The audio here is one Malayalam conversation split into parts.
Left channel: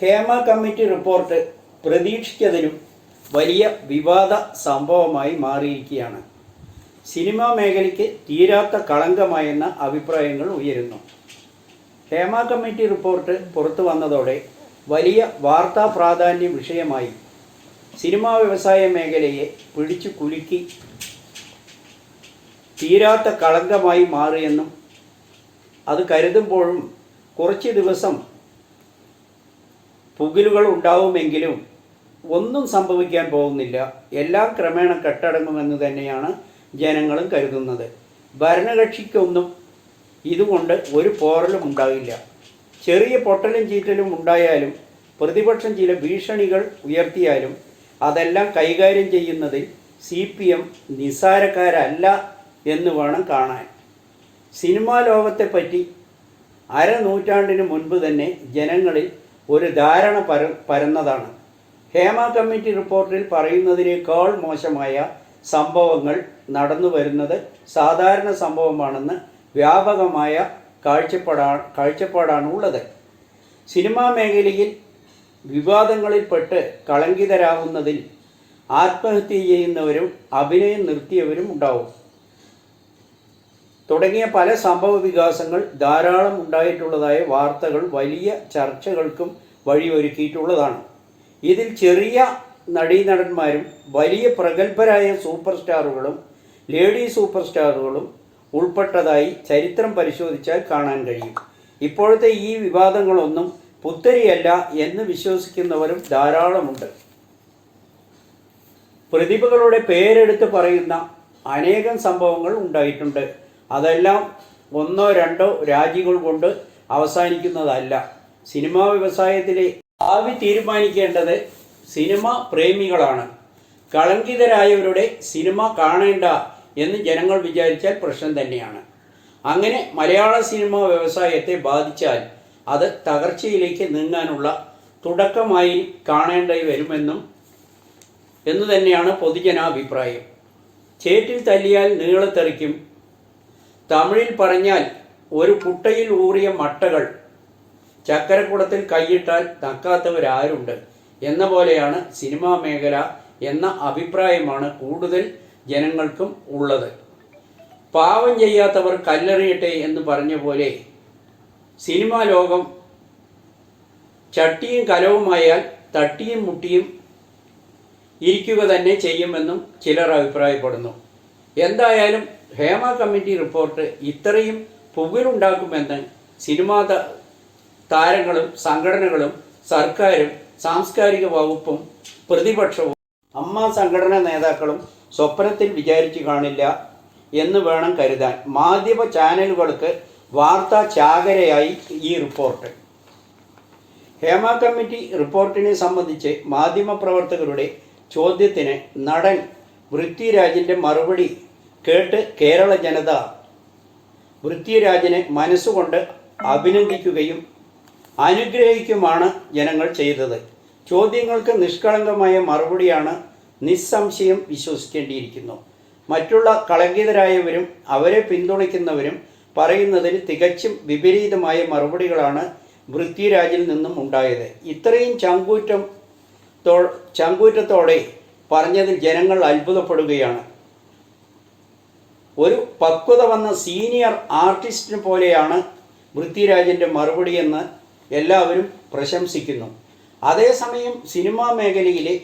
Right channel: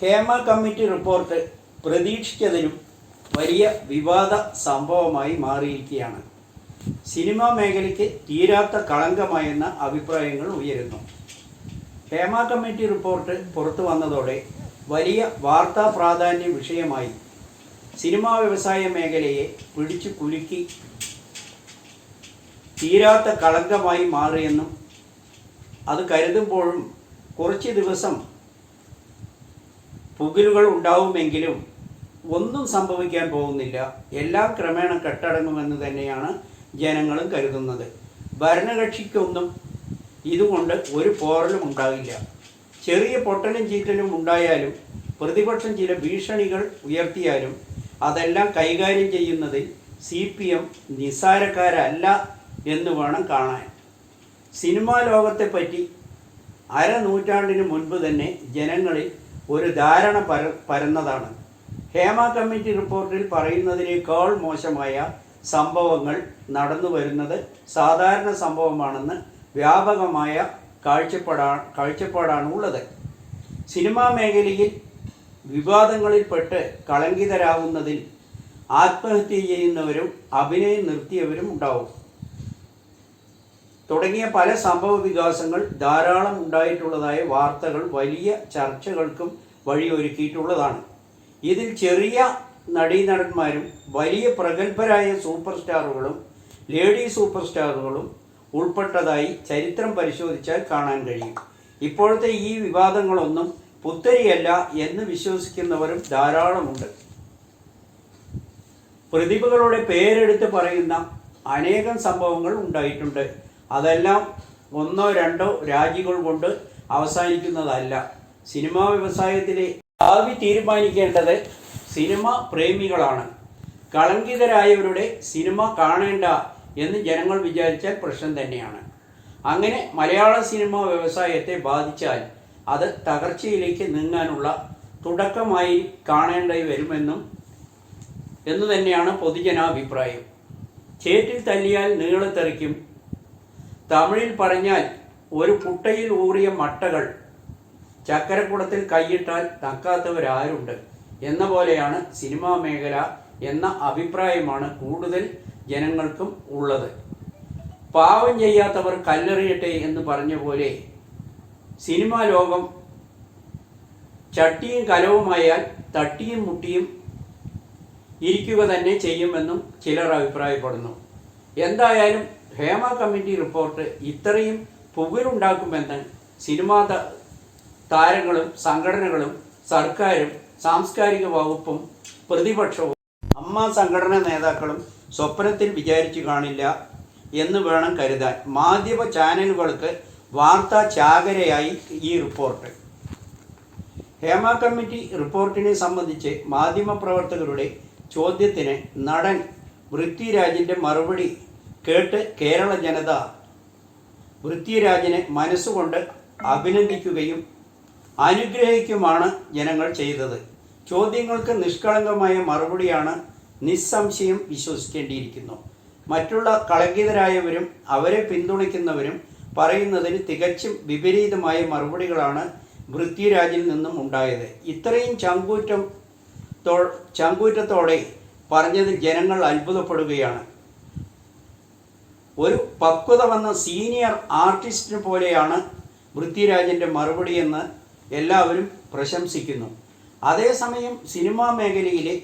ഹേമ കമ്മിറ്റി റിപ്പോർട്ട് പ്രതീക്ഷിച്ചതിലും വലിയ വിവാദ സംഭവമായി മാറിയിരിക്കുകയാണ്. സിനിമാ മേഖലയ്ക്ക് തീരാത്ത കളങ്കമായെന്ന അഭിപ്രായങ്ങൾ ഉയരുന്നു. ഹേമ കമ്മിറ്റി റിപ്പോർട്ട് പുറത്തു വന്നതോടെ വലിയ വാർത്താ പ്രാധാന്യ വിഷയമായി സിനിമാ വ്യവസായ മേഖലയെ പിടിച്ചു കുലുക്കി തീരാത്ത കളങ്കമായി മാറിയെന്നും അത് കരുതുമ്പോഴും കുറച്ച് ദിവസം പുകിലുകൾ ഉണ്ടാവുമെങ്കിലും ഒന്നും സംഭവിക്കാൻ പോകുന്നില്ല, എല്ലാം ക്രമേണ കെട്ടടങ്ങുമെന്ന് തന്നെയാണ് ജനങ്ങളും കരുതുന്നത്. ഭരണകക്ഷിക്കൊന്നും ഇതുകൊണ്ട് ഒരു പോറലും ഉണ്ടാകില്ല. ചെറിയ പൊട്ടലും ചീറ്റലും ഉണ്ടായാലും പ്രതിപക്ഷം ചില ഭീഷണികൾ ഉയർത്തിയാലും അതെല്ലാം കൈകാര്യം ചെയ്യുന്നതിൽ CPM നിസ്സാരക്കാരല്ല എന്ന് വേണം കാണാൻ. സിനിമാ ലോകത്തെപ്പറ്റി അരനൂറ്റാണ്ടിന് മുൻപ് തന്നെ ജനങ്ങളിൽ ഒരു ധാരണ പരന്നതാണ്. ഹേമ കമ്മിറ്റി റിപ്പോർട്ടിൽ പറയുന്നതിനേക്കാൾ മോശമായ സംഭവങ്ങൾ നടന്നു വരുന്നത് സാധാരണ സംഭവമാണെന്ന് വ്യാപകമായ കാഴ്ചപ്പാടാണ് ഉള്ളത്. സിനിമാ മേഖലയിൽ വിവാദങ്ങളിൽപ്പെട്ട് കളങ്കിതരാകുന്നതിൽ ആത്മഹത്യ ചെയ്യുന്നവരും അഭിനയം നിർത്തിയവരും ഉണ്ടാവും തുടങ്ങിയ പല സംഭവ വികാസങ്ങൾ ധാരാളം ഉണ്ടായിട്ടുള്ളതായ വാർത്തകൾ വലിയ ചർച്ചകൾക്കും വഴിയൊരുക്കിയിട്ടുള്ളതാണ്. ഇതിൽ ചെറിയ നടീനടന്മാരും വലിയ പ്രഗത്ഭരായ സൂപ്പർ സ്റ്റാറുകളും ലേഡി സൂപ്പർ സ്റ്റാറുകളും ഉൾപ്പെട്ടതായി ചരിത്രം പരിശോധിച്ചാൽ കാണാൻ കഴിയും. ഇപ്പോഴത്തെ ഈ വിവാദങ്ങളൊന്നും പുത്തരിയല്ല എന്ന് വിശ്വസിക്കുന്നവരും ധാരാളമുണ്ട്. പ്രതിഭകളുടെ പേരെടുത്ത് പറയുന്ന അനേകം സംഭവങ്ങൾ ഉണ്ടായിട്ടുണ്ട്. അതെല്ലാം ഒന്നോ രണ്ടോ രാജികൾ കൊണ്ട് അവസാനിക്കുന്നതല്ല. സിനിമാ വ്യവസായത്തിലെ ഭാവി തീരുമാനിക്കേണ്ടത് സിനിമ പ്രേമികളാണ്. കളങ്കിതരായവരുടെ സിനിമ കാണേണ്ട എന്ന് ജനങ്ങൾ വിചാരിച്ചാൽ പ്രശ്നം തന്നെയാണ്. അങ്ങനെ മലയാള സിനിമാ വ്യവസായത്തെ ബാധിച്ചാൽ അത് തകർച്ചയിലേക്ക് നീങ്ങാനുള്ള തുടക്കമായി കാണേണ്ടി വരുമെന്ന് തന്നെയാണ് പൊതുജനാഭിപ്രായം. ചേറ്റിൽ തല്ലിയാൽ നീളത്തെറിക്കും, തമിഴിൽ പറഞ്ഞാൽ ഒരു കുട്ടയിൽ ഊറിയ മട്ടകൾ ചക്കരക്കുടത്തിൽ കൈയിട്ടാൽ തക്കാത്തവരാരുണ്ട് എന്ന പോലെയാണ് സിനിമാ മേഖല എന്ന അഭിപ്രായമാണ് കൂടുതൽ ജനങ്ങൾക്കും ഉള്ളത്. പാവം ചെയ്യാത്തവർ കല്ലെറിയട്ടെ എന്ന് പറഞ്ഞ പോലെ സിനിമാ ലോകം ചട്ടിയും കലവുമായാൽ തട്ടിയും മുട്ടിയും ഇരിക്കുക തന്നെ ചെയ്യുമെന്നും ചിലർ അഭിപ്രായപ്പെടുന്നു. എന്തായാലും ഹേമ കമ്മിറ്റി റിപ്പോർട്ട് ഇത്രയും പുകലുണ്ടാക്കുമെന്ന് സിനിമാ താരങ്ങളും സംഘടനകളും സർക്കാരും സാംസ്കാരിക വകുപ്പും പ്രതിപക്ഷവും അമ്മ സംഘടനാ നേതാക്കളും സ്വപ്നത്തിൽ വിചാരിച്ചു കാണില്ല എന്ന് വേണം കരുതാൻ. മാധ്യമ ചാനലുകൾക്ക് വാർത്താ ചാകരയായി ഈ റിപ്പോർട്ട്. ഹേമ കമ്മിറ്റി റിപ്പോർട്ടിനെ സംബന്ധിച്ച് മാധ്യമപ്രവർത്തകരുടെ ചോദ്യത്തിന് നടൻ പൃഥ്വിരാജിൻ്റെ മറുപടി കേട്ട് കേരള ജനത പൃഥ്വിരാജിനെ മനസ്സുകൊണ്ട് അഭിനന്ദിക്കുകയും അനുഗ്രഹിക്കുമാണ് ജനങ്ങൾ ചെയ്തത്. ചോദ്യങ്ങൾക്ക് നിഷ്കളങ്കമായ മറുപടിയാണ് നിസ്സംശയം വിശ്വസിക്കേണ്ടിയിരിക്കുന്നു. മറ്റുള്ള കളങ്കിതരായവരും അവരെ പിന്തുണയ്ക്കുന്നവരും പറയുന്നതിന് തികച്ചും വിപരീതമായ മറുപടികളാണ് പൃഥ്വിരാജിൽ നിന്നും ഉണ്ടായത്. ഇത്രയും ചങ്കൂറ്റത്തോടെ പറഞ്ഞതിൽ ജനങ്ങൾ അത്ഭുതപ്പെടുകയാണ്. ഒരു പക്വത വന്ന സീനിയർ ആർട്ടിസ്റ്റിനെ പോലെയാണ് പൃഥ്വിരാജിൻ്റെ മറുപടിയെന്ന് എല്ലാവരും പ്രശംസിക്കുന്നു. അതേസമയം സിനിമാ മേഖലയിലെ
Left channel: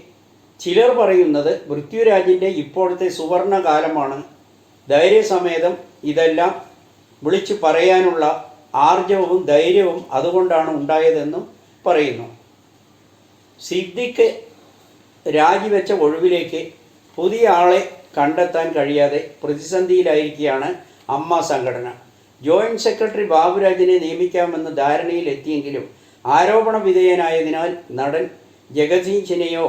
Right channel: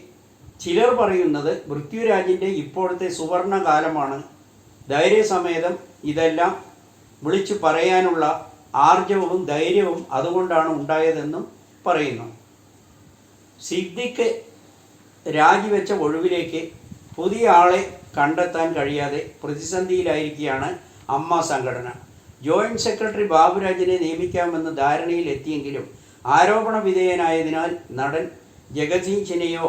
ചിലർ പറയുന്നത് പൃഥ്വിരാജിൻ്റെ ഇപ്പോഴത്തെ സുവർണ കാലമാണ്, ധൈര്യസമേതം ഇതെല്ലാം വിളിച്ചു പറയാനുള്ള ആർജവവും ധൈര്യവും അതുകൊണ്ടാണ് ഉണ്ടായതെന്നും പറയുന്നു. സിദ്ദിഖ് രാജിവെച്ച ഒഴിവിലേക്ക് പുതിയ ആളെ കണ്ടെത്താൻ കഴിയാതെ പ്രതിസന്ധിയിലായിരിക്കുകയാണ് അമ്മ സംഘടന. ജോയിന്റ് സെക്രട്ടറി ബാബുരാജിനെ നിയമിക്കാമെന്ന് ധാരണയിലെത്തിയെങ്കിലും ആരോപണ വിധേയനായതിനാൽ നടൻ ജഗദീശിനെയോ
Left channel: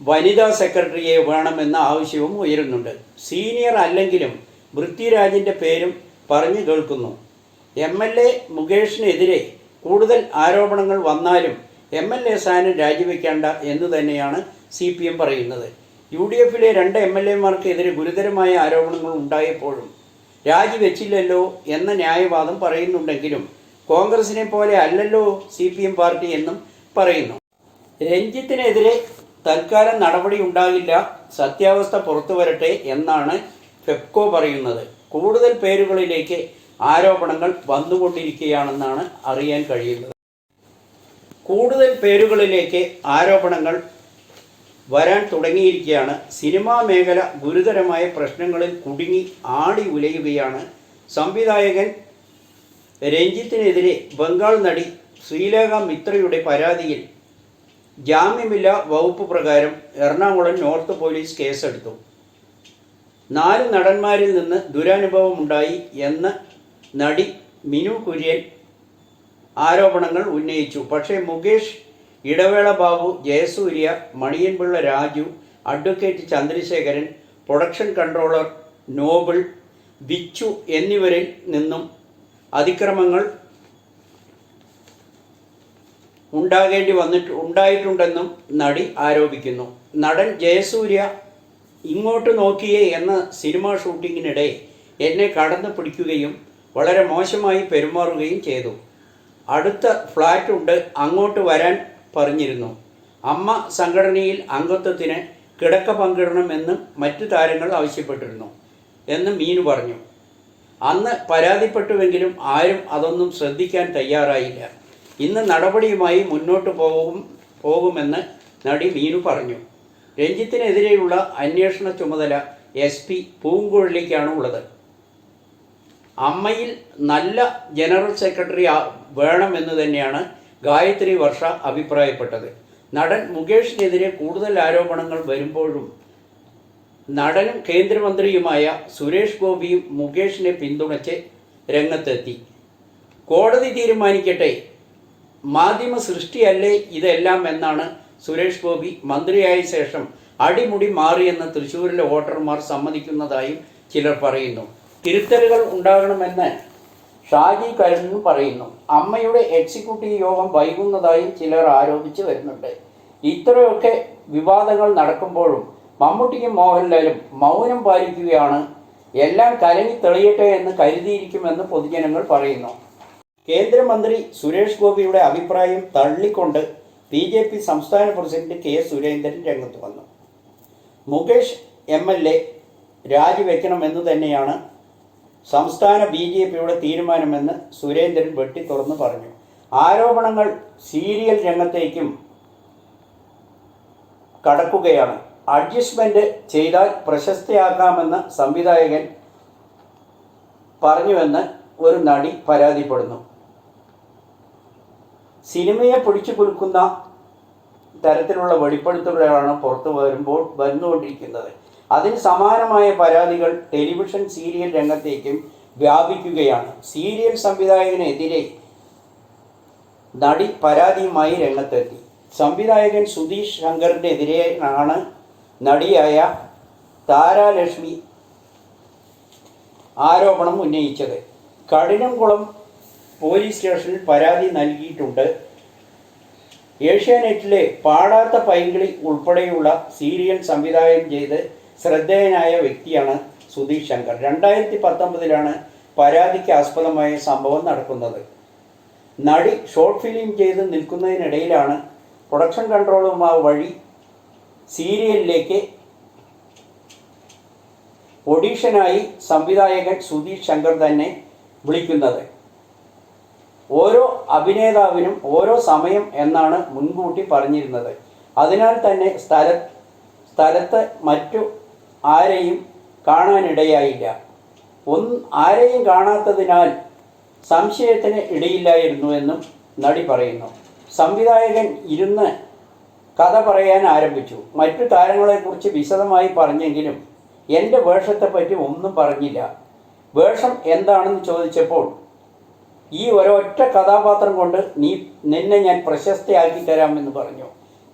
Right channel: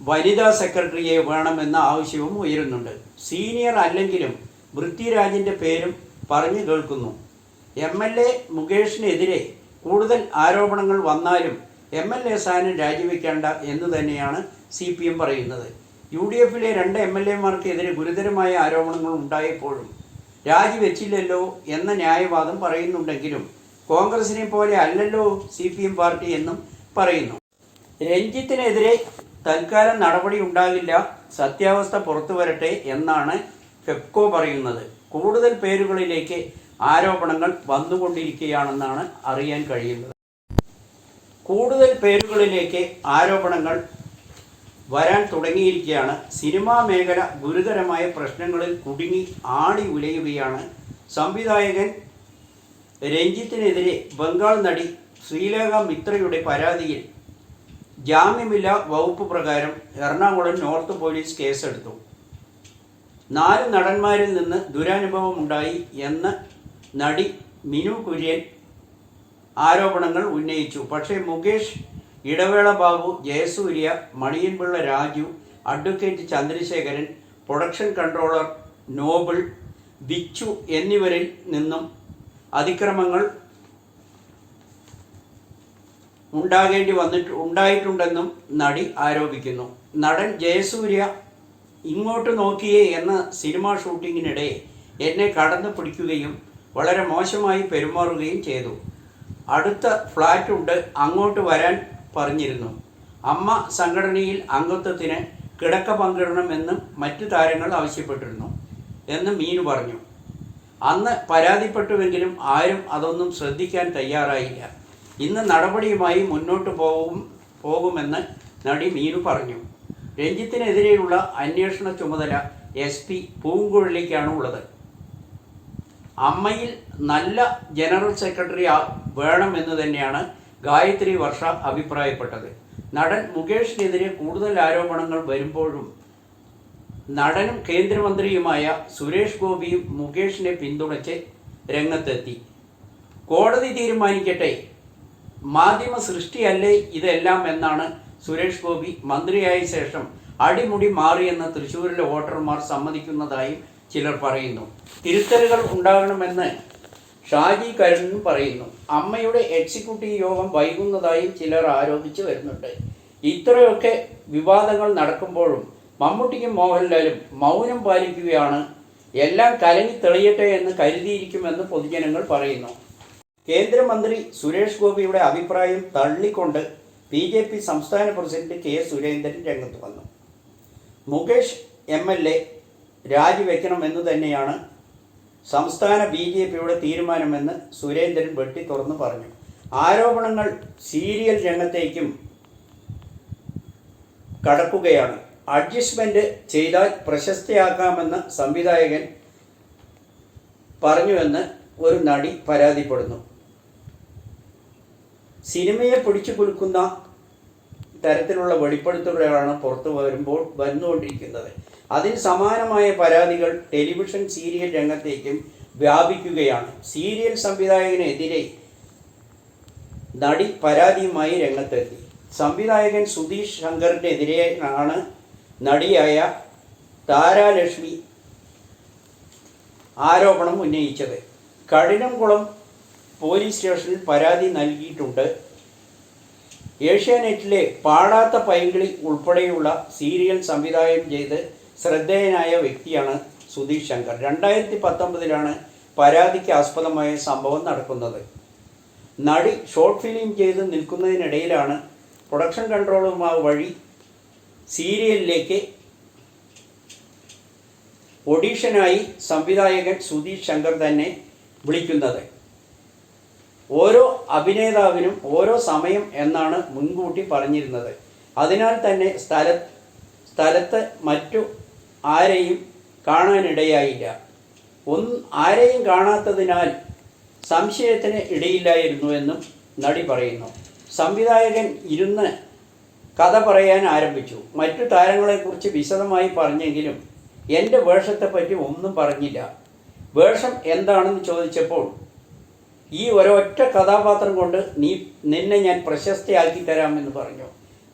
വനിതാ സെക്രട്ടറിയെ വേണമെന്ന ആവശ്യവും ഉയരുന്നുണ്ട്. സീനിയർ അല്ലെങ്കിലും പൃഥ്വിരാജിൻ്റെ പേരും പറഞ്ഞു കേൾക്കുന്നു. MLA മുകേഷിനെതിരെ കൂടുതൽ ആരോപണങ്ങൾ വന്നാലും MLA സ്ഥാനം രാജിവെക്കേണ്ട എന്ന് തന്നെയാണ് CPM പറയുന്നത്. UDFിലെ 2 MLAമാർക്കെതിരെ ഗുരുതരമായ ആരോപണങ്ങൾ ഉണ്ടായപ്പോഴും രാജിവെച്ചില്ലല്ലോ എന്ന ന്യായവാദം പറയുന്നുണ്ടെങ്കിലും കോൺഗ്രസിനെ പോലെ അല്ലല്ലോ CPM പാർട്ടി എന്നും പറയുന്നു. രഞ്ജിത്തിനെതിരെ തൽക്കാലം നടപടി ഉണ്ടാകില്ല, സത്യാവസ്ഥ പുറത്തു വരട്ടെ എന്നാണ് ഫെപ്കോ പറയുന്നത്. കൂടുതൽ പേരുകളിലേക്ക് ആരോപണങ്ങൾ വന്നുകൊണ്ടിരിക്കുകയാണെന്നാണ് അറിയാൻ കഴിയുന്നത്. കൂടുതൽ പേരുകളിലേക്ക് ആരോപണങ്ങൾ വരാൻ തുടങ്ങിയിരിക്കുകയാണ്. സിനിമാ മേഖല ഗുരുതരമായ പ്രശ്നങ്ങളിൽ കുടുങ്ങി ആടി ഉലയുകയാണ്. സംവിധായകൻ രഞ്ജിത്തിനെതിരെ ബംഗാൾ നടി ശ്രീലേഖ മിത്രയുടെ പരാതിയിൽ ജാമ്യമില്ലാ വകുപ്പ് പ്രകാരം എറണാകുളം നോർത്ത് പോലീസ് കേസെടുത്തു. 4 നടന്മാരിൽ നിന്ന് ദുരനുഭവമുണ്ടായി എന്ന് നടി മിനു കുര്യൻ ആരോപണങ്ങൾ ഉന്നയിച്ചു. പക്ഷേ Mukesh, Idavela Babu, Jayasurya, Maniyanpilla Raju, advocate Chandrasekharan, production controller Noble, Bichu എന്നിവരിൽ നിന്നും അതിക്രമങ്ങൾ ഉണ്ടായിട്ടുണ്ടെന്നും നടി ആരോപിക്കുന്നു. നടൻ ജയസൂര്യ ഇങ്ങോട്ട് നോക്കിയേ എന്ന സിനിമാ ഷൂട്ടിങ്ങിനിടെ എന്നെ കടന്നു പിടിക്കുകയും വളരെ മോശമായി പെരുമാറുകയും ചെയ്തു. അടുത്ത ഫ്ലാറ്റുണ്ട്, അങ്ങോട്ട് വരാൻ പറഞ്ഞിരുന്നു. അമ്മ സംഘടനയിൽ അംഗത്വത്തിന് കിടക്ക പങ്കിടണമെന്നും മറ്റു താരങ്ങൾ ആവശ്യപ്പെട്ടിരുന്നു എന്ന് മീനു പറഞ്ഞു. അന്ന് പരാതിപ്പെട്ടുവെങ്കിലും ആരും അതൊന്നും ശ്രദ്ധിക്കാൻ തയ്യാറായില്ല. ഇന്ന് നടപടിയുമായി മുന്നോട്ട് പോകുമെന്ന് നടി മീനു പറഞ്ഞു. രഞ്ജിത്തിനെതിരെയുള്ള അന്വേഷണ ചുമതല SP പൂങ്കുഴലിക്കാണ് ഉള്ളത്. അമ്മയിൽ നല്ല ജനറൽ സെക്രട്ടറി വേണമെന്ന് തന്നെയാണ് ഗായത്രി വർഷ അഭിപ്രായപ്പെട്ടത്. നടൻ മുകേഷിനെതിരെ കൂടുതൽ ആരോപണങ്ങൾ വരുമ്പോഴും നടനും കേന്ദ്രമന്ത്രിയുമായ സുരേഷ് ഗോപിയും മുകേഷിനെ പിന്തുണച്ച് രംഗത്തെത്തി. കോടതി തീരുമാനിക്കട്ടെ, മാധ്യമ സൃഷ്ടിയല്ലേ ഇതെല്ലാം എന്നാണ് സുരേഷ് ഗോപി മന്ത്രിയായ ശേഷം അടിമുടി മാറിയെന്ന് തൃശ്ശൂരിലെ വോട്ടർമാർ സമ്മതിക്കുന്നതായും ചിലർ പറയുന്നു. തിരുത്തലുകൾ ഉണ്ടാകണമെന്ന് ഷാജി കരുണും പറയുന്നു. അമ്മയുടെ എക്സിക്യൂട്ടീവ് യോഗം വൈകുന്നതായും ചിലർ ആരോപിച്ചു വരുന്നുണ്ട്. ഇത്രയൊക്കെ വിവാദങ്ങൾ നടക്കുമ്പോഴും മമ്മൂട്ടിയും മോഹൻലാലും മൗനം പാലിക്കുകയാണ്. എല്ലാം കലങ്ങി തെളിയട്ടെ എന്ന് കരുതിയിരിക്കുമെന്ന് പൊതുജനങ്ങൾ പറയുന്നു. കേന്ദ്രമന്ത്രി സുരേഷ് ഗോപിയുടെ അഭിപ്രായം തള്ളിക്കൊണ്ട് BJP സംസ്ഥാന പ്രസിഡന്റ് K. സുരേന്ദ്രൻ രംഗത്ത് വന്നു. മുകേഷ് MLA രാജിവെക്കണമെന്ന് തന്നെയാണ് സംസ്ഥാന BJPയുടെ തീരുമാനമെന്ന് സുരേന്ദ്രൻ വെട്ടിത്തുറന്ന് പറഞ്ഞു. ആരോപണങ്ങൾ സീരിയൽ രംഗത്തേക്കും കടക്കുകയാണ്. അഡ്ജസ്റ്റ്മെന്റ് ചെയ്താൽ പ്രശസ്തയാക്കാമെന്ന് സംവിധായകൻ പറഞ്ഞുവെന്ന് ഒരു നടി പരാതിപ്പെടുന്നു. സിനിമയെ പിടിച്ചു കുലുക്കുന്ന തരത്തിലുള്ള വെളിപ്പെടുത്തലുകളാണ് പുറത്തു വന്നുകൊണ്ടിരിക്കുന്നത്. അതിന് സമാനമായ പരാതികൾ ടെലിവിഷൻ സീരിയൽ രംഗത്തേക്കും വ്യാപിക്കുകയാണ്. സീരിയൽ സംവിധായകനെതിരെ നടി പരാതിയുമായി രംഗത്തെത്തി. സംവിധായകൻ സുധീഷ് ശങ്കറിനെതിരെയാണ് നടിയായ താരാലക്ഷ്മി ആരോപണം ഉന്നയിച്ചത്. കഠിനംകുളം പോലീസ് സ്റ്റേഷനിൽ പരാതി നൽകിയിട്ടുണ്ട്. ഏഷ്യാനെറ്റിലെ പാടാത്ത പൈങ്കിളി ഉൾപ്പെടെയുള്ള സീരിയൽ സംവിധാനം ചെയ്ത് ശ്രദ്ധേയനായ വ്യക്തിയാണ് സുധീഷ് ശങ്കർ. 2019 പരാതിക്ക് ആസ്പദമായ സംഭവം നടക്കുന്നത്. നടി ഷോർട്ട് ഫിലിം ചെയ്ത് നിൽക്കുന്നതിനിടയിലാണ് പ്രൊഡക്ഷൻ കൺട്രോളുമാർ വഴി സീരിയലിലേക്ക് ഓഡീഷനായി സംവിധായകൻ സുധീഷ് ശങ്കർ തന്നെ വിളിക്കുന്നത്. ഓരോ അഭിനേതാവിനും ഓരോ സമയം എന്നാണ് മുൻകൂട്ടി പറഞ്ഞിരുന്നത്. അതിനാൽ തന്നെ സ്ഥലത്ത് മറ്റു ആരെയും കാണാനിടയായില്ല. ആരെയും കാണാത്തതിനാൽ സംശയത്തിന് ഇടയില്ലായിരുന്നു എന്നും നടി പറയുന്നു. സംവിധായകൻ ഇരുന്ന് കഥ പറയാൻ ആരംഭിച്ചു. മറ്റു താരങ്ങളെക്കുറിച്ച് വിശദമായി പറഞ്ഞെങ്കിലും എൻ്റെ വേഷത്തെപ്പറ്റി ഒന്നും പറഞ്ഞില്ല. വേഷം എന്താണെന്ന് ചോദിച്ചപ്പോൾ ഈ ഒരൊറ്റ കഥാപാത്രം കൊണ്ട് നിന്നെ ഞാൻ പ്രശസ്തയാക്കി തരാമെന്ന് പറഞ്ഞു.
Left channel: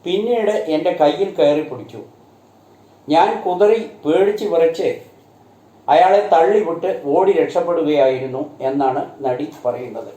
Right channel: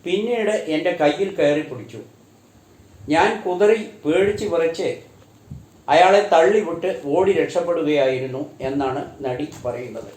പിന്നീട് എൻ്റെ കയ്യിൽ കയറി പിടിച്ചു. ഞാൻ കുതറി പേടിച്ച് വിറച്ച് അയാളെ തള്ളിവിട്ട് ഓടി രക്ഷപ്പെടുകയായിരുന്നു എന്നാണ് നടി പറയുന്നത്.